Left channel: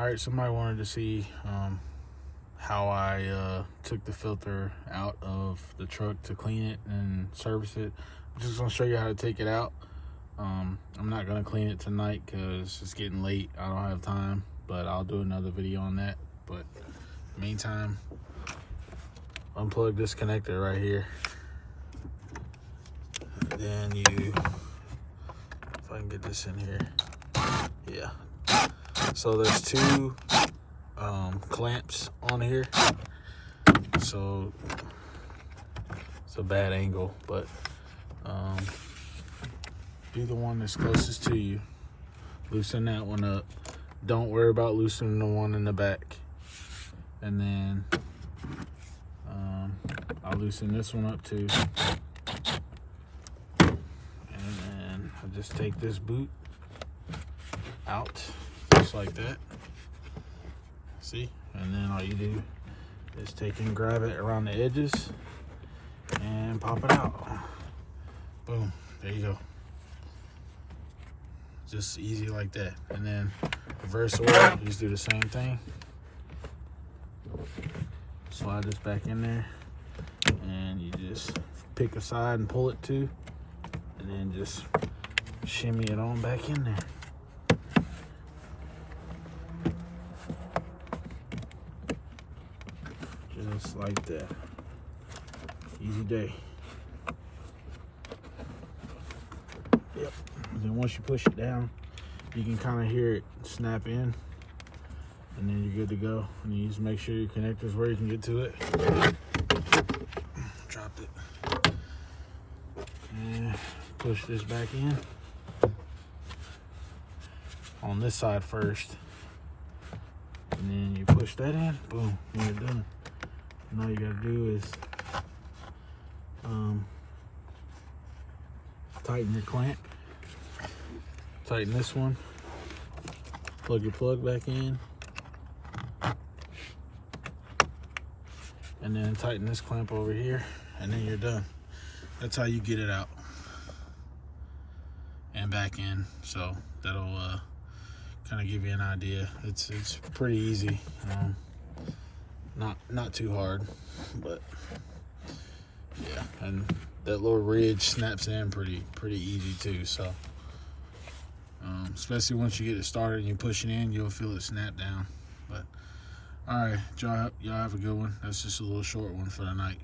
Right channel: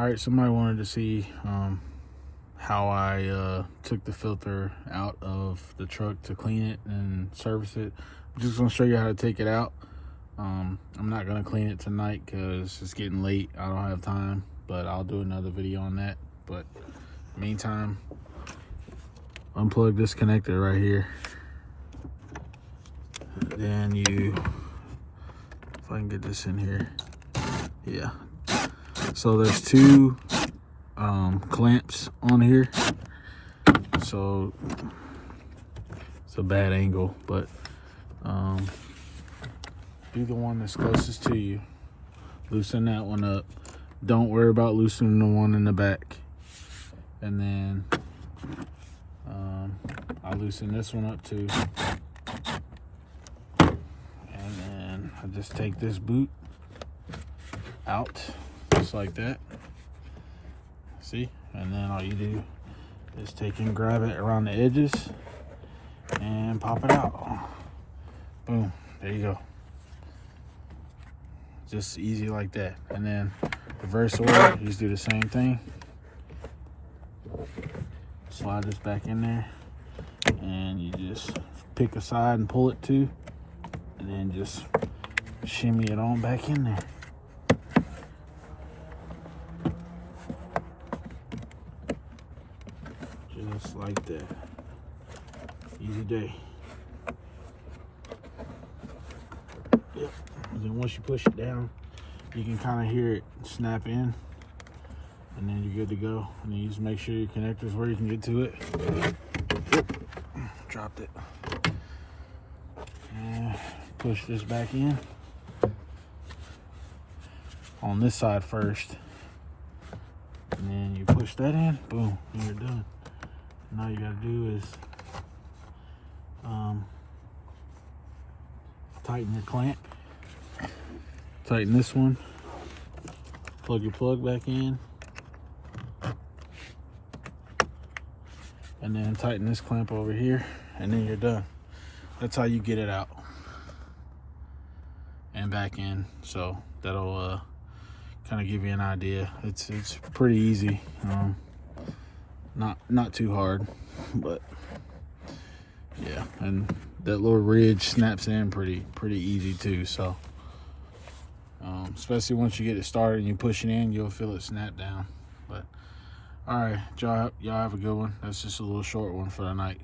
Alright, somebody wanted to see how I took the filter out of the truck to clean it and service it. I'm just going to show you how to take it out. I'm not going to clean it tonight because it's getting late. I don't have time, but I'll do another video on that. But meantime, unplug this connector right here. Then you, if I can get this in here, yeah. So there's two clamps on here. So it's a bad angle, but be the one that's closest to you. Loosen that one up. Don't worry about loosening the one in the back. And then I'll loosen this one up too. And then I'll just take this boot out, just like that. See? And then all you do is take and grab it around the edges and pop it out. Boom, there you go. Just easy like that. And then reverse order, just do the same thing. Slide this back in there, and you just pick a side and pull it too, and then just shimmy it on back in there. Just like that. Easy day. Yep. And then once you push it down, you can kind of hear it snap in, and then you're good to go. And you just make sure your connector's where you can get to it. Dropped it. And push this back in. On this side first. And then you push that in. Boom. You're done. And all you gotta do is tighten your clamp. Tighten this one. Plug your plug back in. And then tighten this clamp over here, and then you're done. That's how you get it out and back in. So that'll kind of give you an idea. It's pretty easy. Not too hard, but yeah. And that little ridge snaps in pretty easy too. So especially once you get it started and you push it in, you'll feel it snap down. But all right, y'all have a good one. That's just a little short one for the night.